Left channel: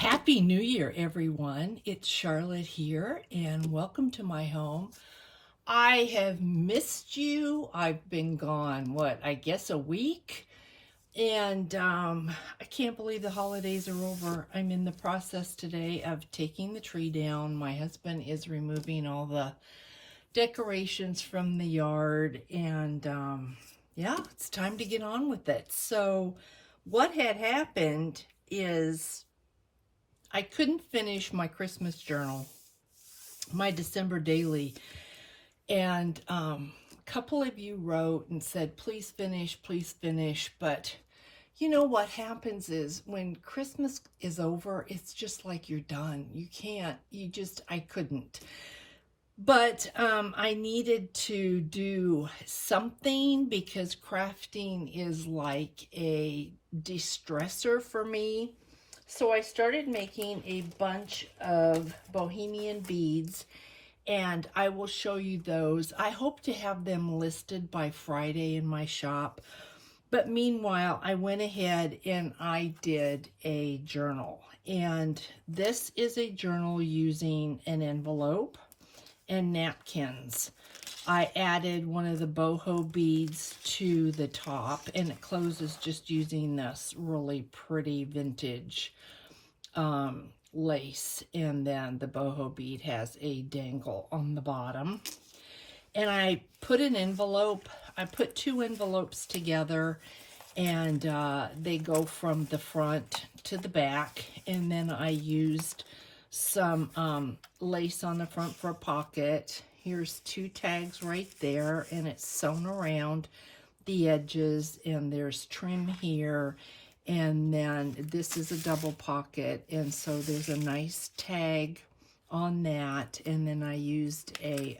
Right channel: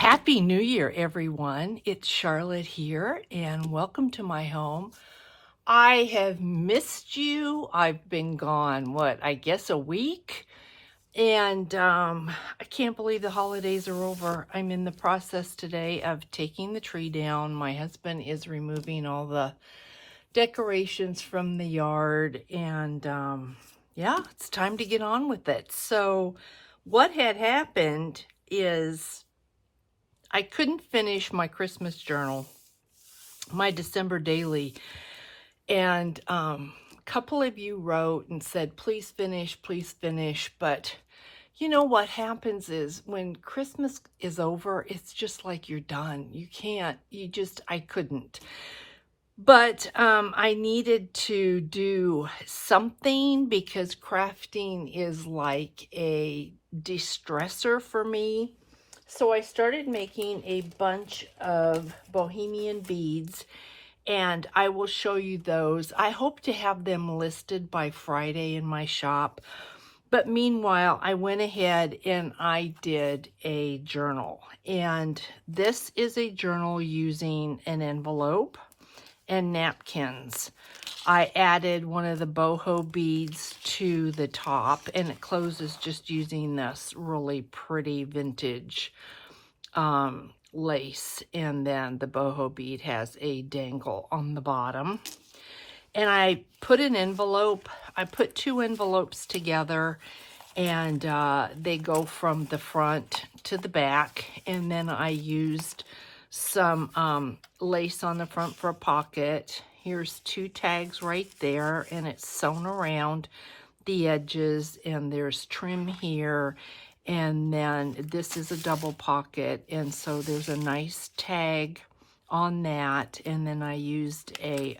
Happy New Year, everyone. It's Charlotte here, and welcome to my home. I have missed you. I've been gone, I guess a week. And I can't believe the holidays are over. I'm in the process today of taking the tree down. My husband is removing all the decorations from the yard, and yeah, it's time to get on with it. So what had happened is I couldn't finish my Christmas journal, my December daily, and a couple of you wrote and said, please finish, but you know what happens is when Christmas is over, it's just like you're done. I couldn't. But I needed to do something because crafting is like a de-stressor for me. So I started making a bunch of bohemian beads, and I will show you those. I hope to have them listed by Friday in my shop. But meanwhile, I went ahead and I did a journal. And this is a journal using an envelope and napkins. I added one of the boho beads to the top, and it closes just using this really pretty vintage lace, and then the boho bead has a dangle on the bottom. And I put I put two envelopes together, and they go from the front to the back, and then I used some lace on the front for a pocket. Here's two tags right there, and it's sewn around the edges, and there's trim here, and then this is a double pocket, and so there's a nice tag on that. And then I used a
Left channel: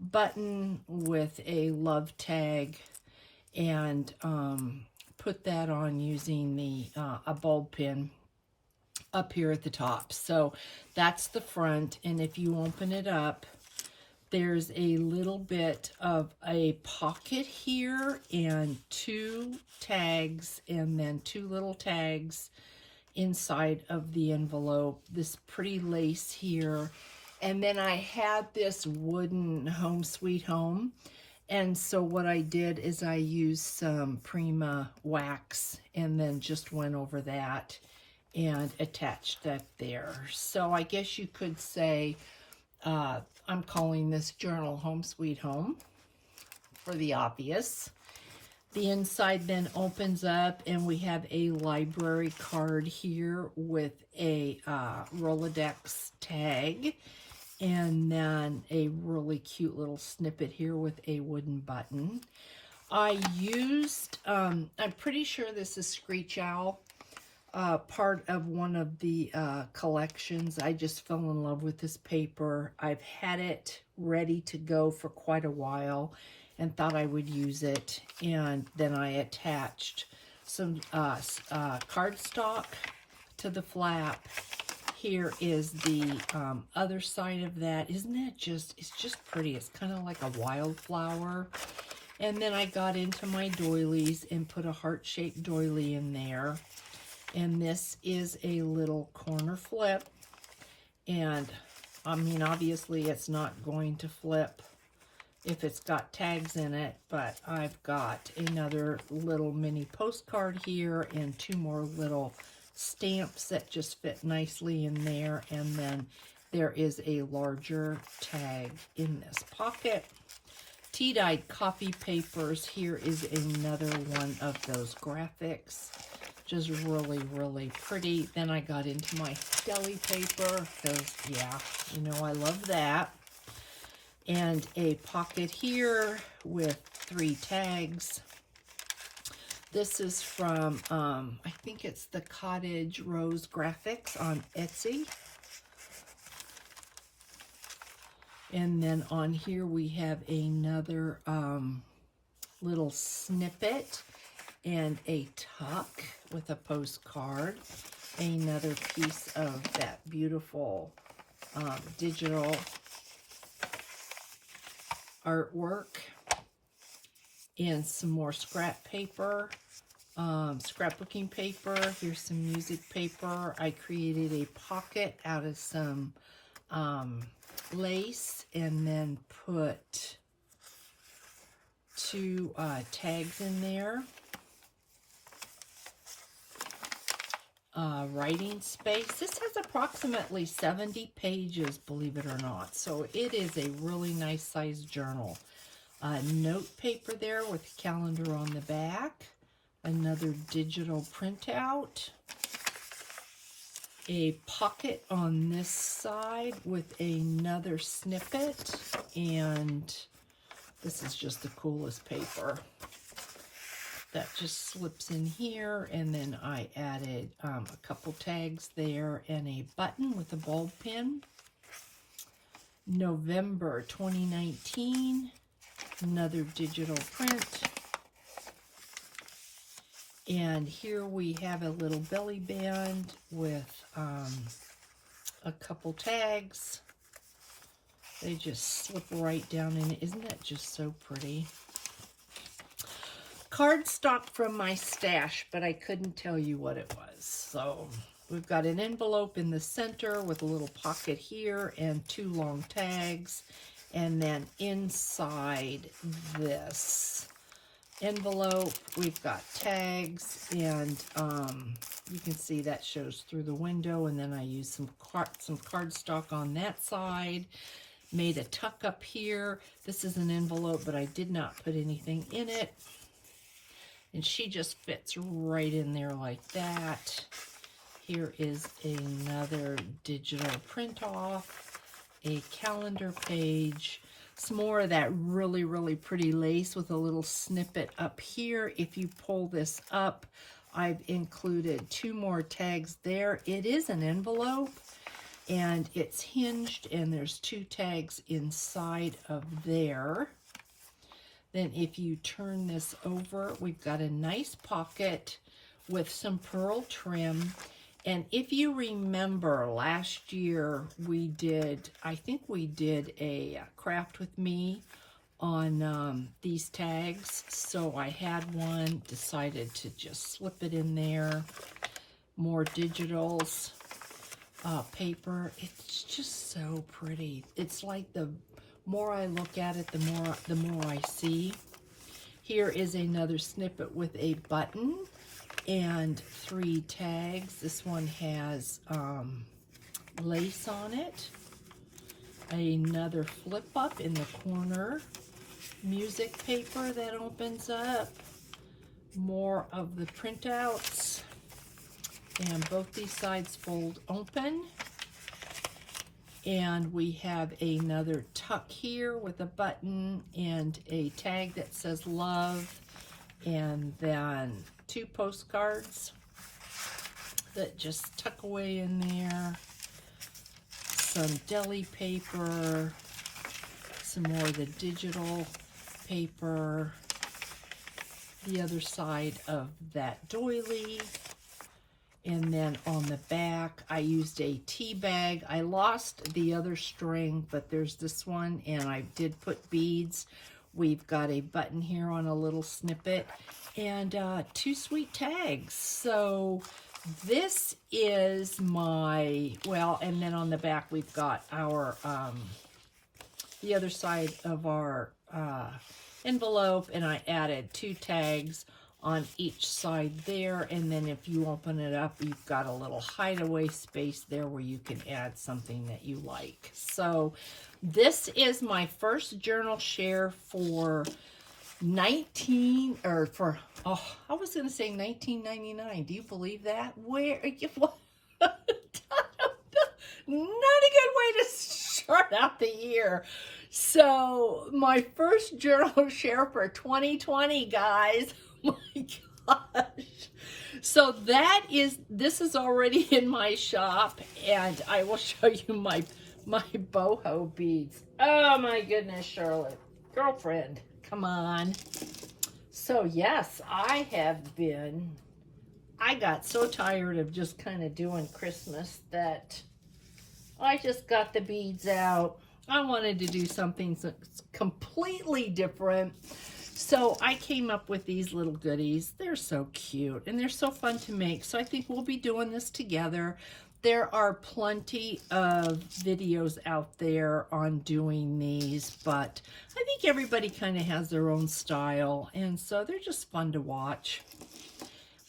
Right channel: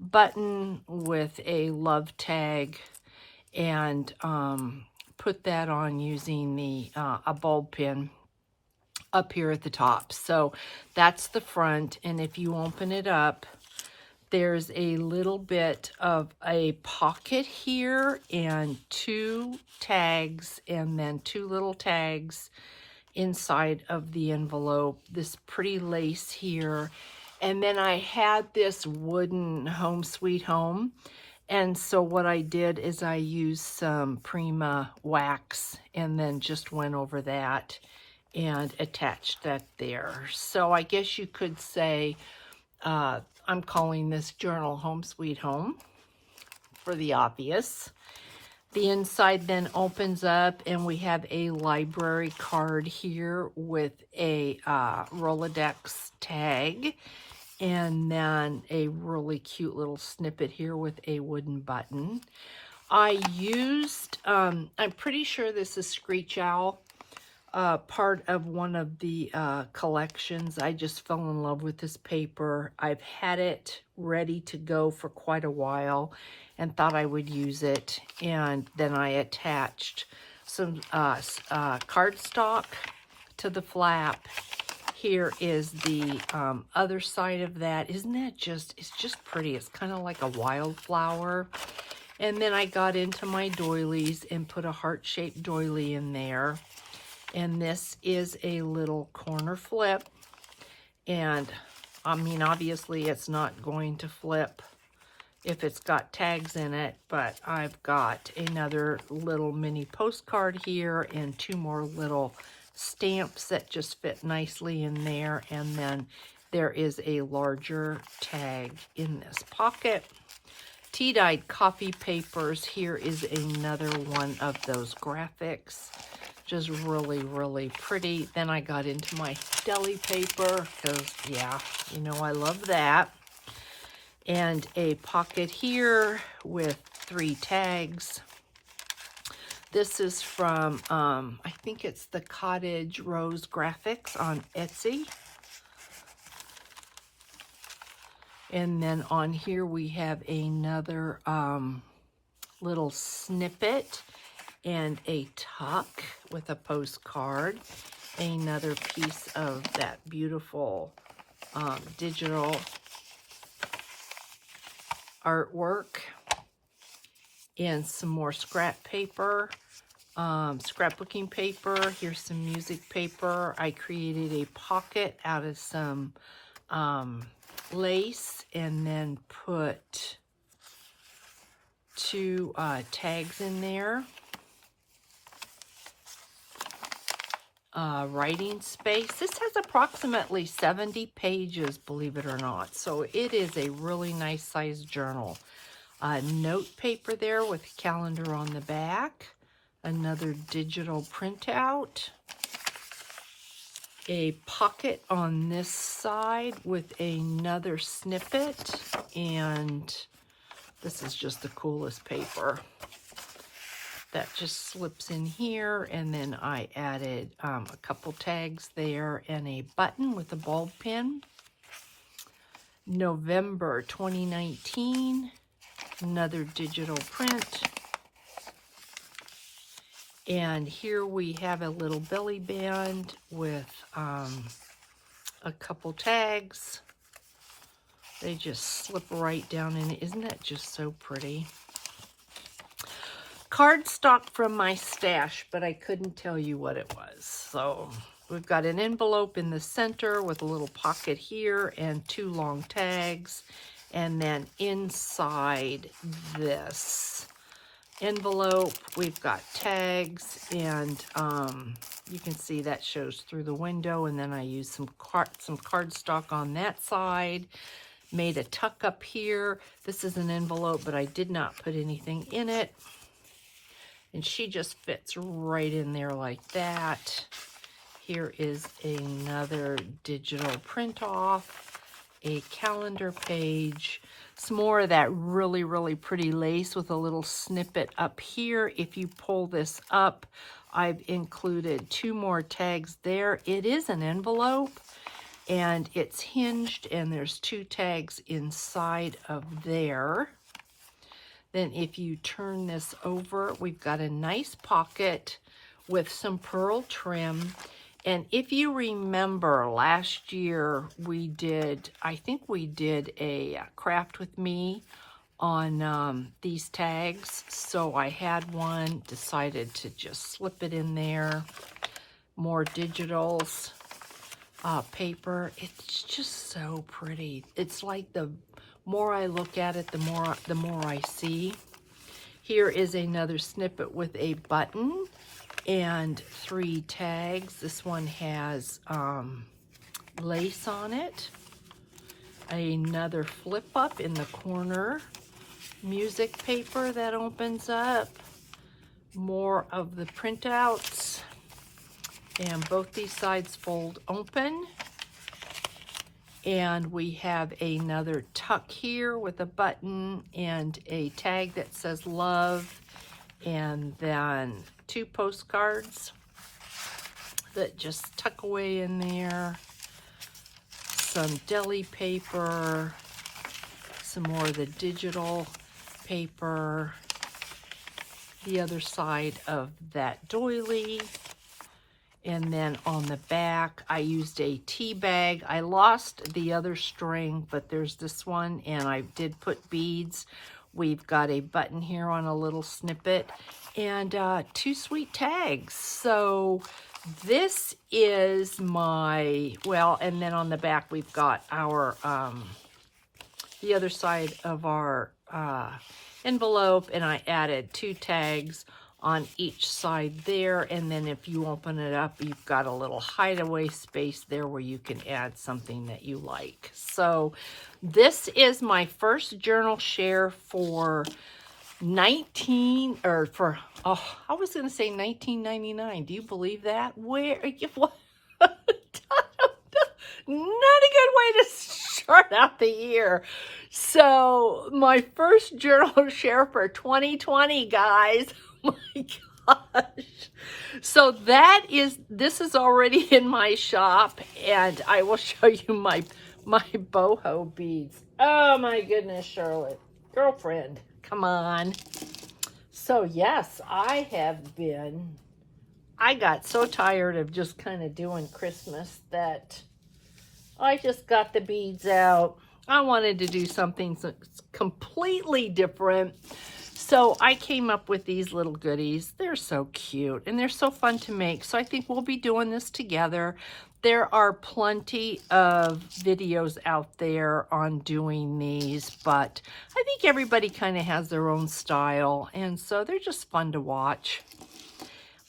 button with a love tag, and put that on using the a bulb pin up here at the top. So that's the front, and if you open it up, there's a little bit of a pocket here and two tags, and then two little tags inside of the envelope, this pretty lace here. And then I had this wooden Home Sweet Home, and so what I did is I used some Prima wax and then just went over that and attached that there. So I guess you could say I'm calling this journal Home Sweet Home for the obvious. The inside then opens up, and we have a library card here with a Rolodex tag, and then a really cute little snippet here with a wooden button. I used, I'm pretty sure this is Screech Owl, part of one of the collections. I just fell in love with this paper. I've had it ready to go for quite a while and thought I would use it. And then I attached some cardstock to the flap. Here is the other side of that. Isn't that just, it's just pretty. It's kind of like a wildflower. And then I got into my doilies and put a heart-shaped doily in there. And this is a little corner flip. And I mean, obviously it's not going to flip if it's got tags in it, but I've got another little mini postcard here and two more little stamps that just fit nicely in there. And then there is a larger tag in this pocket. Tea-dyed coffee papers. Here is another one of those graphics. Just really, really pretty. Then I got into my deli paper because, yeah, you know I love that. And a pocket here with 3 tags. This is from, I think it's the Cottage Rose Graphics on Etsy. And then on here we have another little snippet and a tuck with a postcard. Another piece of that beautiful digital artwork. And some more scrap paper. scrapbooking paper. Here's some music paper. I created a pocket out of some lace and then put 2 tags in there. Writing space. This has approximately 70 pages, believe it or not. So it is a really nice size journal. Note paper there with a calendar on the back. Another digital printout. A pocket on this side with another snippet. And this is just the coolest paper. That just slips in here, and then I added a couple tags there and a button with a bulb pin. November 2019, another digital print. And here we have a little belly band with a couple tags. They just slip right down in. Isn't that just so pretty? Cardstock from my stash, but I couldn't tell you what it was. So we've got an envelope in the center with a little pocket here and 2 long tags. And then inside this envelope, we've got tags, and you can see that shows through the window. And then I used some cardstock on that side. Made a tuck up here. This is an envelope, but I did not put anything in it. And she just fits right in there like that. Here is another digital print off, a calendar page, some more of that really, really pretty lace with a little snippet up here. If you pull this up, I've included 2 more tags there. It is an envelope, and it's hinged, and there's 2 tags inside of there. Then if you turn this over, we've got a nice pocket with some pearl trim. And if you remember last year, I think we did a craft with me on these tags. So I had one, decided to just slip it in there. More digitals, paper. It's just so pretty. It's like the more I look at it, the more I see. Here is another snippet with a button and 3 tags. This one has lace on it. Another flip up in the corner. Music paper that opens up. More of the printouts. And both these sides fold open. And we have another tuck here with a button and a tag that says love. And then 2 postcards that just tuck away in there. Some deli paper. Some more of the digital paper. The other side of that doily. And then on the back, I used a tea bag. I lost the other string, but there's this one, and I did put beads. We've got a button here on a little snippet, and 2 sweet tags. So this is my, well, and then on the back, we've got our, the other side of our envelope, and I added 2 tags on each side there. And then if you open it up, you've got a little hideaway space there where you can add something that you like. So this is my first journal share for I was going to say 1999. Do you believe that? Where? What? Not a good way to start out the year. So my first journal share for 2020, guys. Oh my gosh. So this is already in my shop, and I will show you my boho beads. Oh my goodness, Charlotte. Girlfriend, come on. So yes, I got so tired of just kind of doing Christmas that I just got the beads out. I wanted to do something completely different. So I came up with these little goodies. They're so cute and they're so fun to make. So I think we'll be doing this together. There are plenty of videos out there on doing these, but I think everybody kind of has their own style, and so they're just fun to watch.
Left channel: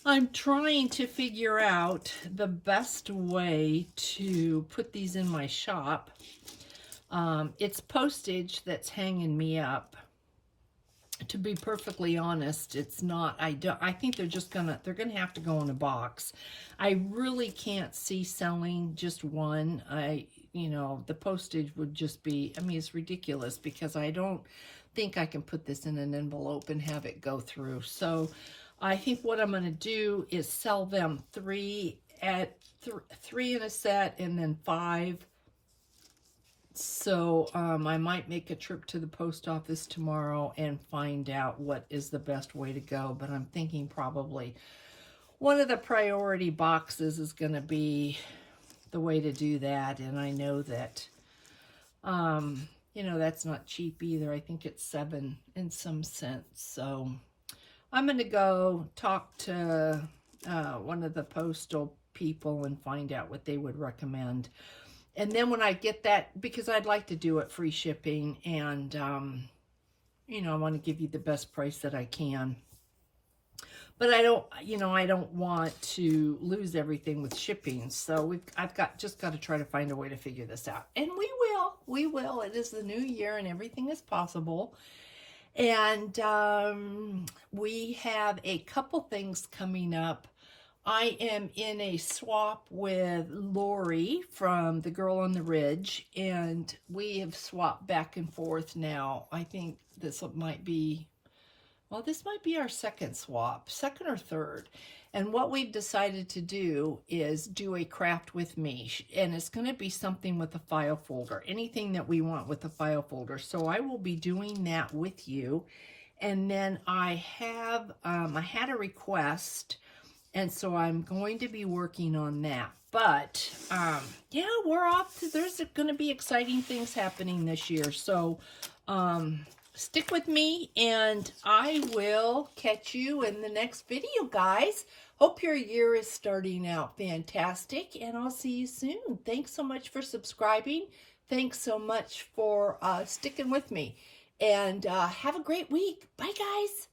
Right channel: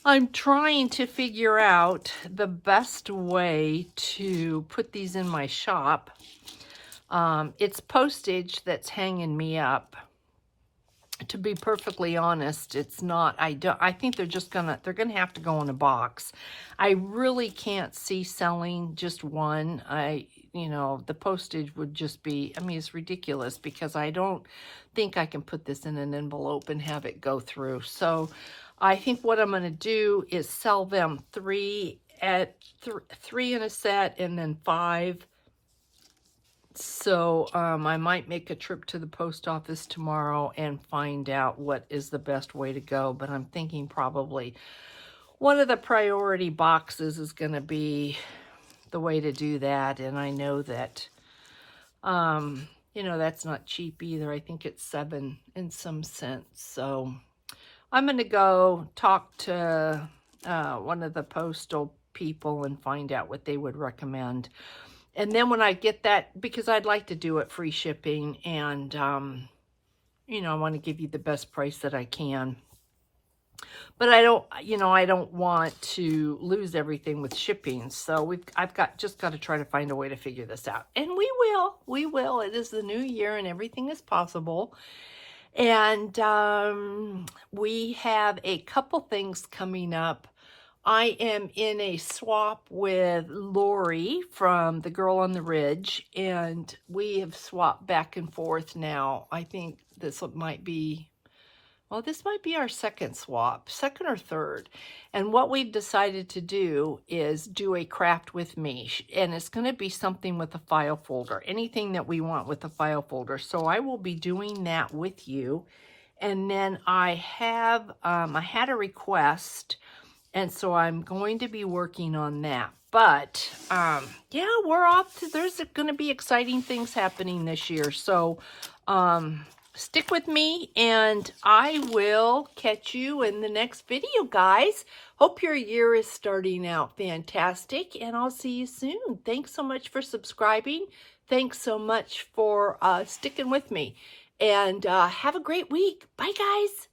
I'm trying to figure out the best way to put these in my shop. It's postage that's hanging me up. To be perfectly honest, it's not. I think they're gonna have to go in a box. I really can't see selling just one. The postage would just be, I mean, it's ridiculous because I don't think I can put this in an envelope and have it go through. So I think what I'm gonna do is sell them three in a set and then 5. So I might make a trip to the post office tomorrow and find out what is the best way to go. But I'm thinking probably one of the priority boxes is going to be the way to do that. And I know that, that's not cheap either. I think it's 7 and some cents. So I'm going to go talk to one of the postal people and find out what they would recommend. And then when I get that, because I'd like to do it free shipping, and, I want to give you the best price that I can. But I don't want to lose everything with shipping. So I've just got to try to find a way to figure this out. And we will. It is the new year and everything is possible. And we have a couple things coming up. I am in a swap with Lori from The Girl on the Ridge, and we have swapped back and forth now. I think this might be our second swap, second or third. And what we've decided to do is do a craft with me, and it's going to be something with a file folder, anything that we want with a file folder. So I will be doing that with you. And then I had a request, and so I'm going to be working on that. But, yeah, we're off to, there's going to be exciting things happening this year. So, stick with me, and I will catch you in the next video, guys. Hope your year is starting out fantastic, and I'll see you soon. Thanks so much for subscribing. Thanks so much for sticking with me. And have a great week. Bye, guys.